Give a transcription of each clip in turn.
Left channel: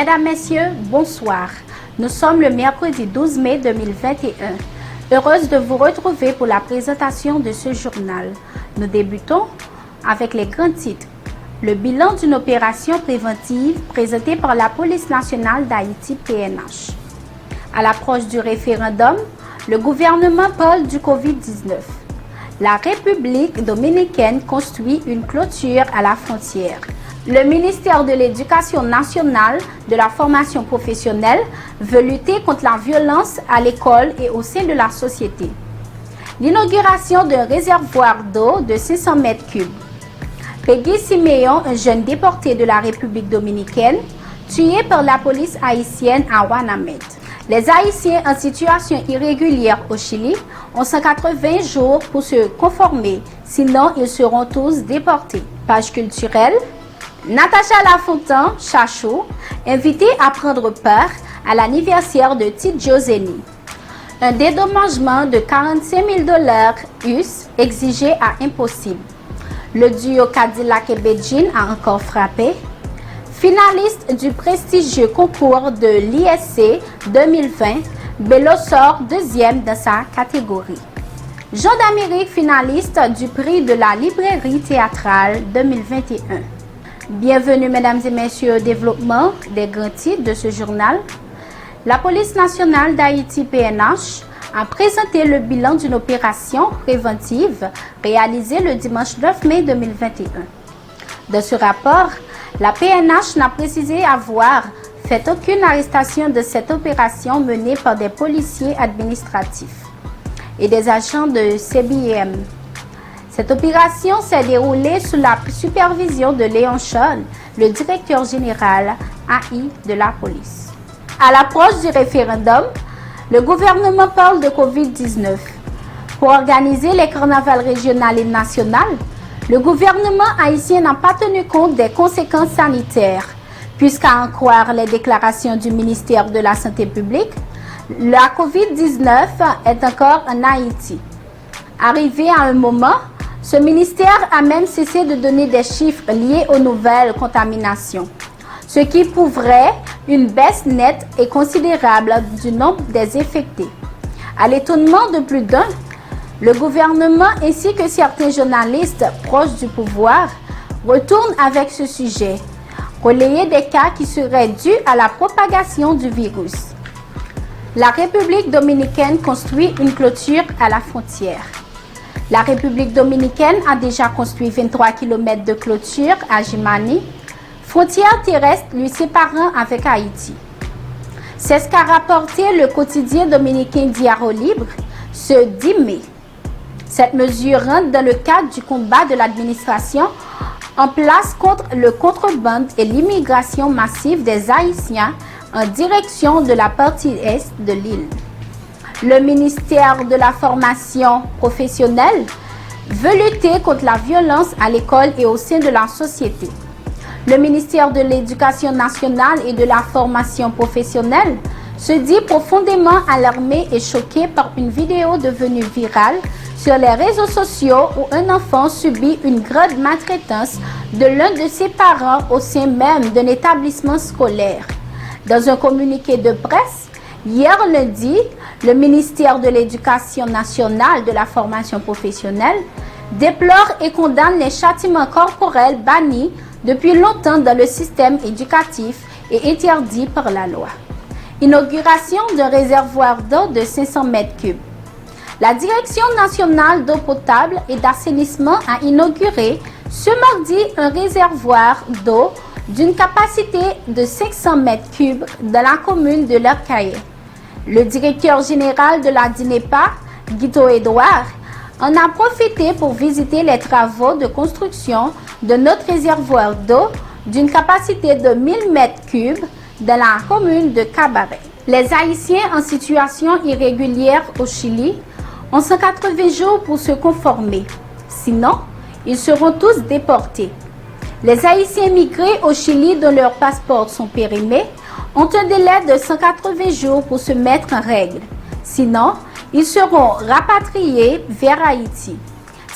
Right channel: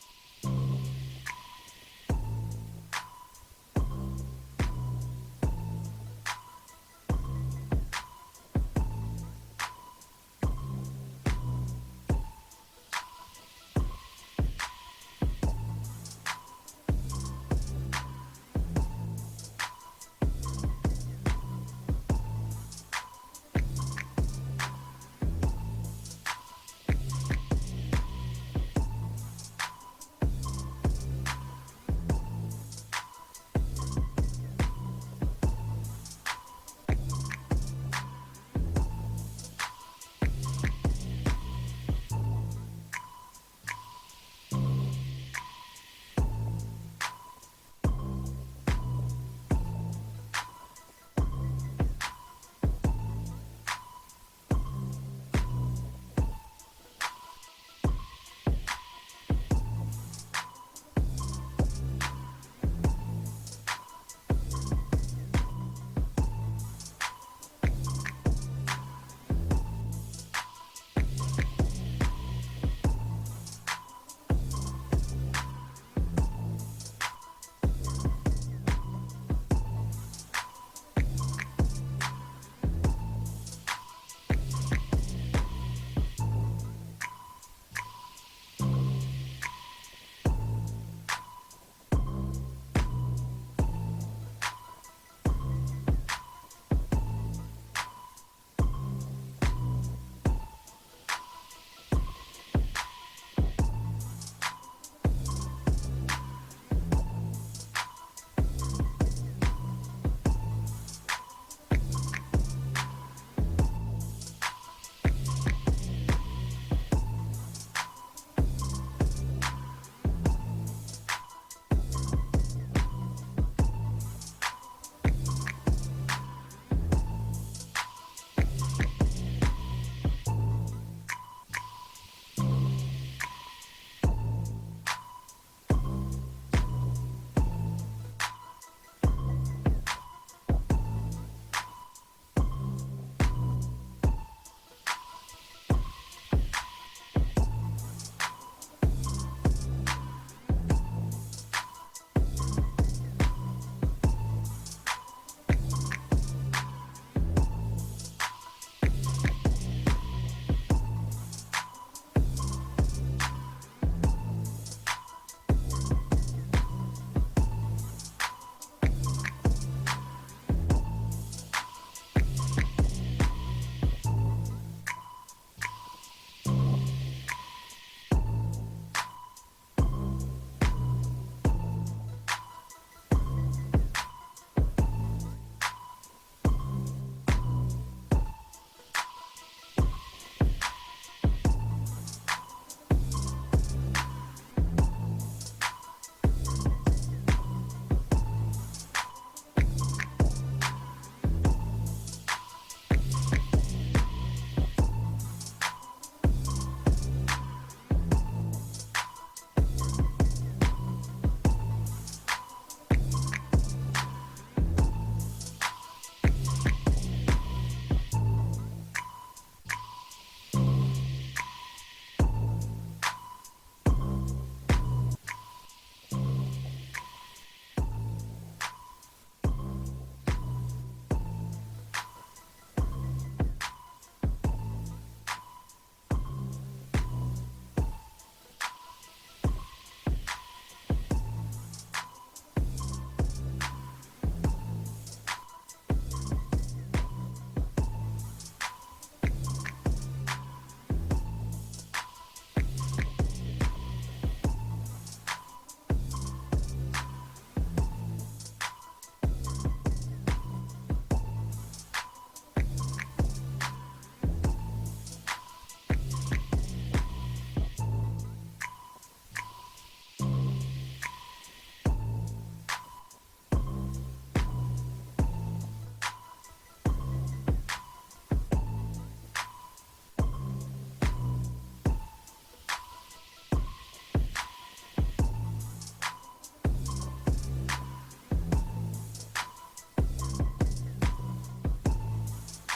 Mesdames, Messieurs, bonsoir. Nous sommes le mercredi 12 mai 2021. Heureuse de vous retrouver pour la présentation de ce journal. Nous débutons avec les grands titres. Le bilan d'une opération préventive présentée par la Police nationale d'Haïti PNH. À l'approche du référendum, le gouvernement parle du Covid-19. La République dominicaine construit une clôture à la frontière. Le ministère de l'Éducation nationale, de la formation professionnelle, veut lutter contre la violence à l'école et au sein de la société. L'inauguration d'un réservoir d'eau de 500 mètres cubes. Peggy Siméon, un jeune déporté de la République dominicaine, tué par la police haïtienne à Ouanamet. Les Haïtiens en situation irrégulière au Chili ont 180 jours pour se conformer, sinon ils seront tous déportés. Page culturelle. Natacha Lafontaine, Chachou, invitée à prendre part à l'anniversaire de Tite Joseni. Un dédommagement de 45 000 $ US exigé à impossible. Le duo Cadillac et Beijing a encore frappé. Finaliste du prestigieux concours de l'ISC 2020, Bello sort deuxième dans sa catégorie. Jean d'Amérique, finaliste du prix de la librairie théâtrale 2021. Bienvenue, mesdames et messieurs, au développement des grands titres de ce journal. La Police nationale d'Haïti PNH a présenté le bilan d'une opération préventive réalisée le dimanche 9 mai 2021. Dans ce rapport, la PNH n'a précisé avoir fait aucune arrestation de cette opération menée par des policiers administratifs et des agents de CBIM. Cette opération s'est déroulée sous la supervision de Léon Charles, le directeur général AI de la police. À l'approche du référendum, le gouvernement parle de Covid-19. Pour organiser les carnavals régionaux et nationaux, le gouvernement haïtien n'a pas tenu compte des conséquences sanitaires, puisqu'à en croire les déclarations du ministère de la Santé publique, la Covid-19 est encore en Haïti. Arrivé à un moment, ce ministère a même cessé de donner des chiffres liés aux nouvelles contaminations, ce qui prouverait une baisse nette et considérable du nombre des infectés. À l'étonnement de plus d'un, le gouvernement ainsi que certains journalistes proches du pouvoir retournent avec ce sujet, relayer des cas qui seraient dus à la propagation du virus. La République dominicaine construit une clôture à la frontière. La République dominicaine a déjà construit 23 km de clôture à Jimani, frontière terrestre lui séparant avec Haïti. C'est ce qu'a rapporté le quotidien dominicain Diaro Libre ce 10 mai. Cette mesure rentre dans le cadre du combat de l'administration en place contre le contrebande et l'immigration massive des Haïtiens en direction de la partie est de l'île. Le ministère de la formation professionnelle veut lutter contre la violence à l'école et au sein de la société. Le ministère de l'Éducation nationale et de la formation professionnelle se dit profondément alarmé et choqué par une vidéo devenue virale sur les réseaux sociaux où un enfant subit une grave maltraitance de l'un de ses parents au sein même d'un établissement scolaire. Dans un communiqué de presse, hier lundi, le ministère de l'Éducation nationale de la formation professionnelle déplore et condamne les châtiments corporels bannis depuis longtemps dans le système éducatif et interdits par la loi. Inauguration d'un réservoir d'eau de 500 mètres cubes. La Direction nationale d'eau potable et d'assainissement a inauguré ce mardi un réservoir d'eau d'une capacité de 500 mètres cubes dans la commune de Lercaillé. Le directeur général de la DINEPA, Guito Edouard, en a profité pour visiter les travaux de construction de notre réservoir d'eau d'une capacité de 1000 mètres cubes dans la commune de Cabaret. Les Haïtiens en situation irrégulière au Chili ont 180 jours pour se conformer. Sinon, ils seront tous déportés. Les Haïtiens migrés au Chili dont leurs passeports sont périmés ont un délai de 180 jours pour se mettre en règle. Sinon, ils seront rapatriés vers Haïti.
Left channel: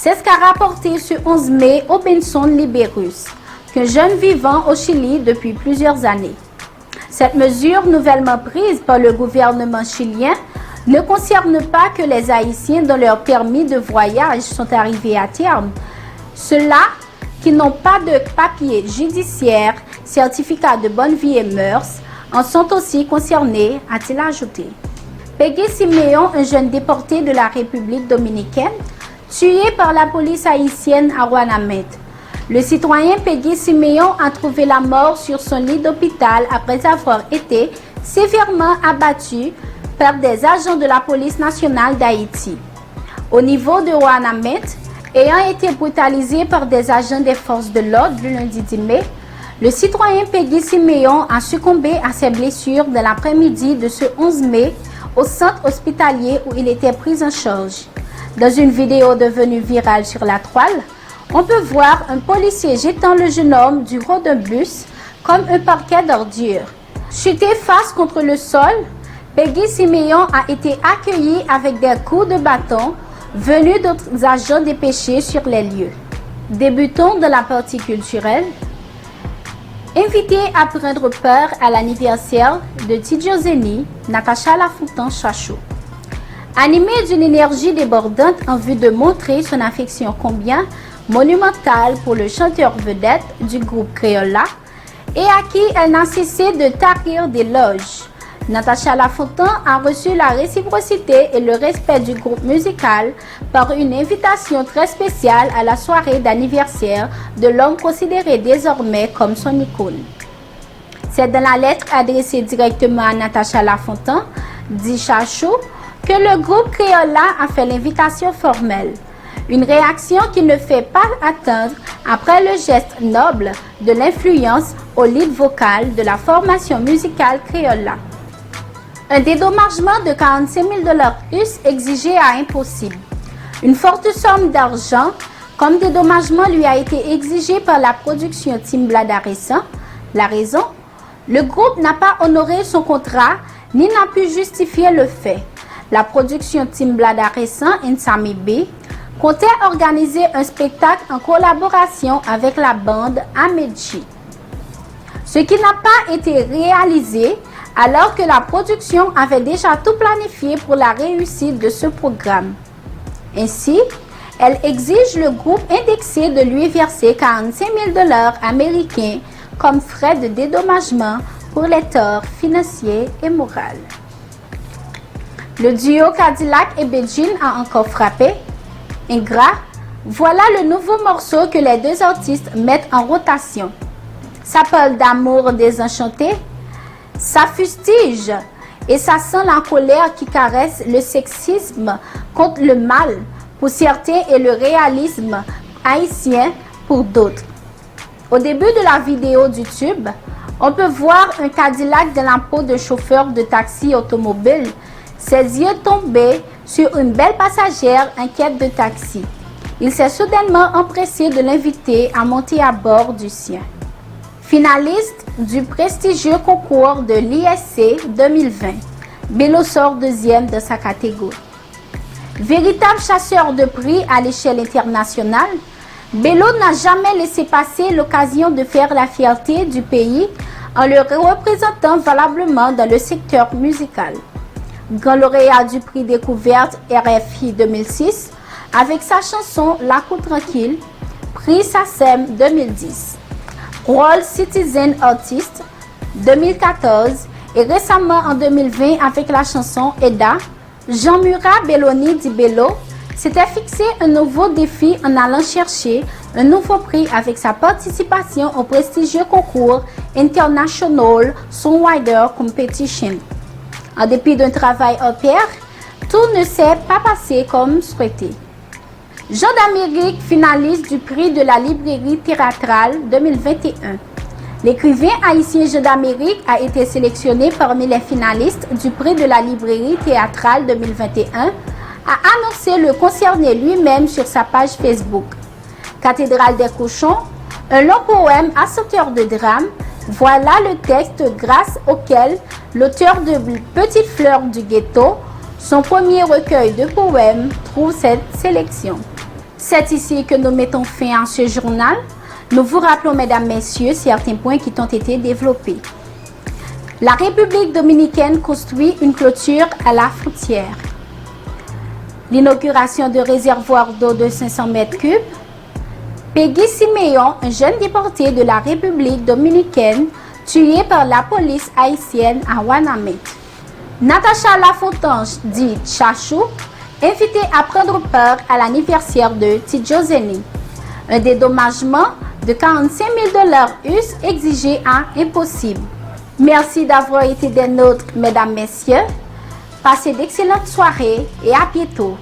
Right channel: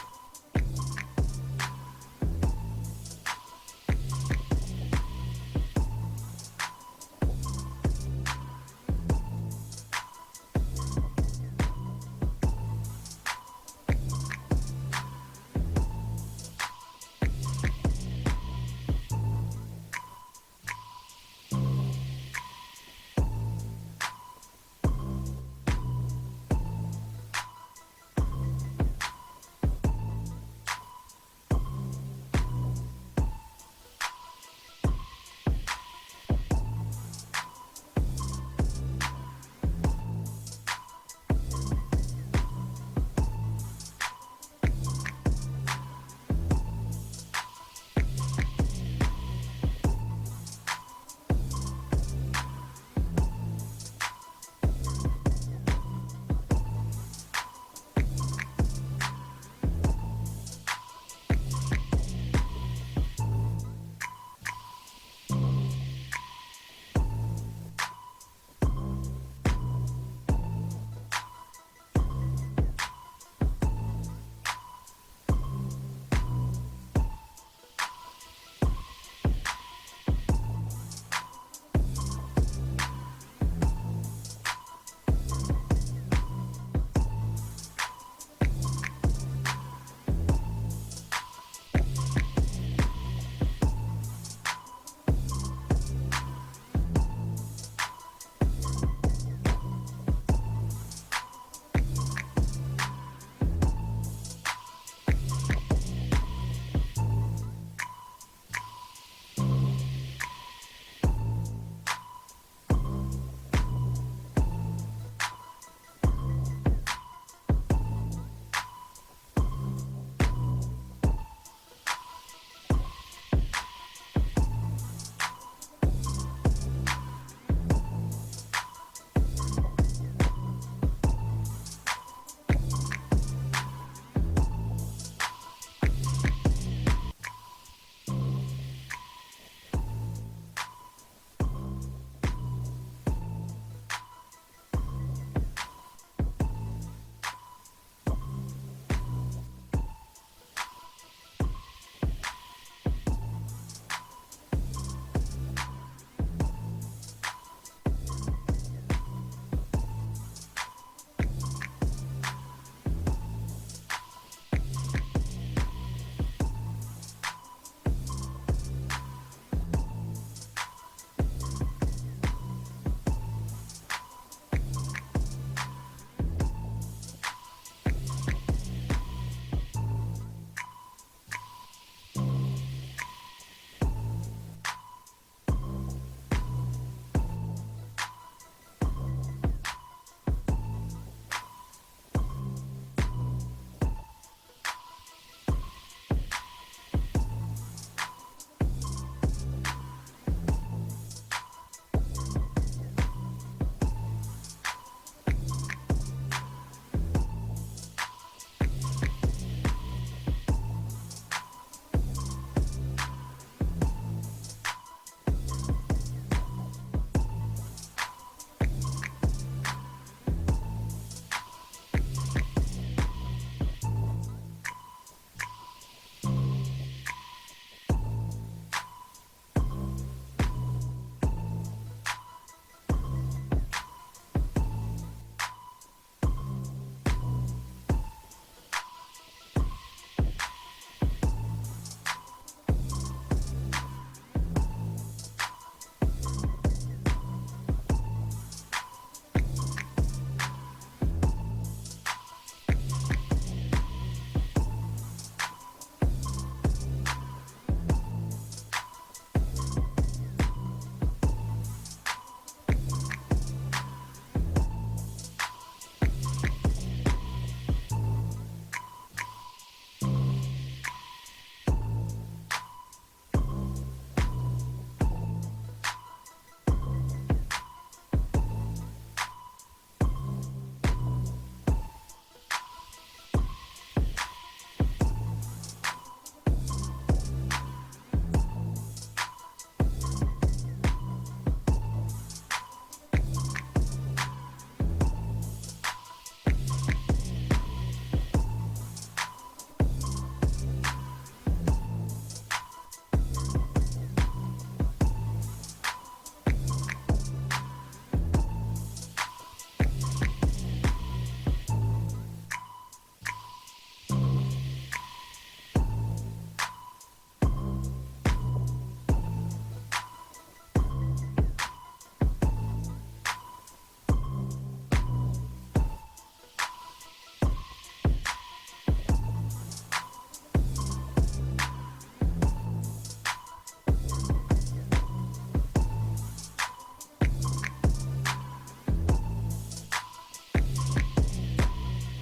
C'est ce qu'a rapporté ce 11 mai Robinson Liberus, qu'un jeune vivant au Chili depuis plusieurs années. Cette mesure nouvellement prise par le gouvernement chilien ne concerne pas que les Haïtiens dont leurs permis de voyage sont arrivés à terme. Ceux-là qui n'ont pas de papier judiciaire, certificat de bonne vie et mœurs, en sont aussi concernés, a-t-il ajouté. Peggy Siméon, un jeune déporté de la République dominicaine, tué par la police haïtienne à Ouanamed. Le citoyen Peggy Siméon a trouvé la mort sur son lit d'hôpital après avoir été sévèrement abattu par des agents de la police nationale d'Haïti. Au niveau de Ouanamed, ayant été brutalisé par des agents des forces de l'ordre le lundi 10 mai, le citoyen Peggy Siméon a succombé à ses blessures dans l'après-midi de ce 11 mai au centre hospitalier où il était pris en charge. Dans une vidéo devenue virale sur la toile, on peut voir un policier jetant le jeune homme du haut d'un bus comme un parquet d'ordures. Chuté face contre le sol, Peggy Siméon a été accueilli avec des coups de bâton venus d'autres agents dépêchés sur les lieux. Débutons dans la partie culturelle. Invitée à prendre part à l'anniversaire de Tidjo Zeni, Natacha Lafontaine-Chachot. Animée d'une énergie débordante en vue de montrer son affection combien monumentale pour le chanteur vedette du groupe Crayola et à qui elle n'a cessé de tarir d'éloges, Natacha Lafontaine a reçu la réciprocité et le respect du groupe musical par une invitation très spéciale à la soirée d'anniversaire de l'homme considéré désormais comme son icône. C'est dans la lettre adressée directement à Natacha Lafontaine, dit Chachot, que le groupe Crayola a fait l'invitation formelle. Une réaction qui ne fait pas attendre après le geste noble de l'influence au lead vocal de la formation musicale Crayola. Un dédommagement de 45 000 $ US exigé à impossible. Une forte somme d'argent comme dédommagement lui a été exigée par la production Team Bladaressan. La raison? Le groupe n'a pas honoré son contrat ni n'a pu justifier le fait. La production Team Bladaressan Insami B comptait organiser un spectacle en collaboration avec la bande Amedji. Ce qui n'a pas été réalisé alors que la production avait déjà tout planifié pour la réussite de ce programme. Ainsi, elle exige le groupe indexé de lui verser 45 000 $ américains comme frais de dédommagement pour les torts financiers et moraux. Le duo Cadillac et Bedjin a encore frappé. Ingrat, voilà le nouveau morceau que les deux artistes mettent en rotation. Ça parle d'amour désenchanté, ça fustige et ça sent la colère qui caresse le sexisme contre le mal pour certains et le réalisme haïtien pour d'autres. Au début de la vidéo du tube, on peut voir un Cadillac dans la peau de chauffeur de taxi automobile, ses yeux tombés sur une belle passagère en quête de taxi. Il s'est soudainement empressé de l'inviter à monter à bord du sien. Finaliste du prestigieux concours de l'ISC 2020, Bello sort deuxième de sa catégorie. Véritable chasseur de prix à l'échelle internationale, Bello n'a jamais laissé passer l'occasion de faire la fierté du pays en le représentant valablement dans le secteur musical. Grand lauréat du prix découverte RFI 2006 avec sa chanson La Cour Tranquille, prix SACEM 2010. Rôle Citizen Artist 2014 et récemment en 2020 avec la chanson Eda, Jean-Murat Belloni dit Bello s'était fixé un nouveau défi en allant chercher un nouveau prix avec sa participation au prestigieux concours International Songwriter Competition. En dépit d'un travail en pair, tout ne s'est pas passé comme souhaité. Jean d'Amérique, finaliste du prix de la librairie théâtrale 2021. L'écrivain haïtien Jean d'Amérique a été sélectionné parmi les finalistes du prix de la librairie théâtrale 2021, a annoncé le concerné lui-même sur sa page Facebook. Cathédrale des cochons, un long poème assorteur de drame, voilà le texte grâce auquel l'auteur de Petite fleur du ghetto, son premier recueil de poèmes, trouve cette sélection. C'est ici que nous mettons fin à ce journal. Nous vous rappelons, mesdames, messieurs, certains points qui ont été développés. La République dominicaine construit une clôture à la frontière. L'inauguration de réservoirs d'eau de 500 mètres cubes. Peggy Siméon, un jeune déporté de la République dominicaine, tué par la police haïtienne à Wanamé. Natacha Lafontange, dit Chachou, invitée à prendre part à l'anniversaire de Tidjoseni. Un dédommagement de 45 000 US exigé à impossible. Merci d'avoir été des nôtres, mesdames, messieurs. Passez d'excellentes soirées et à bientôt.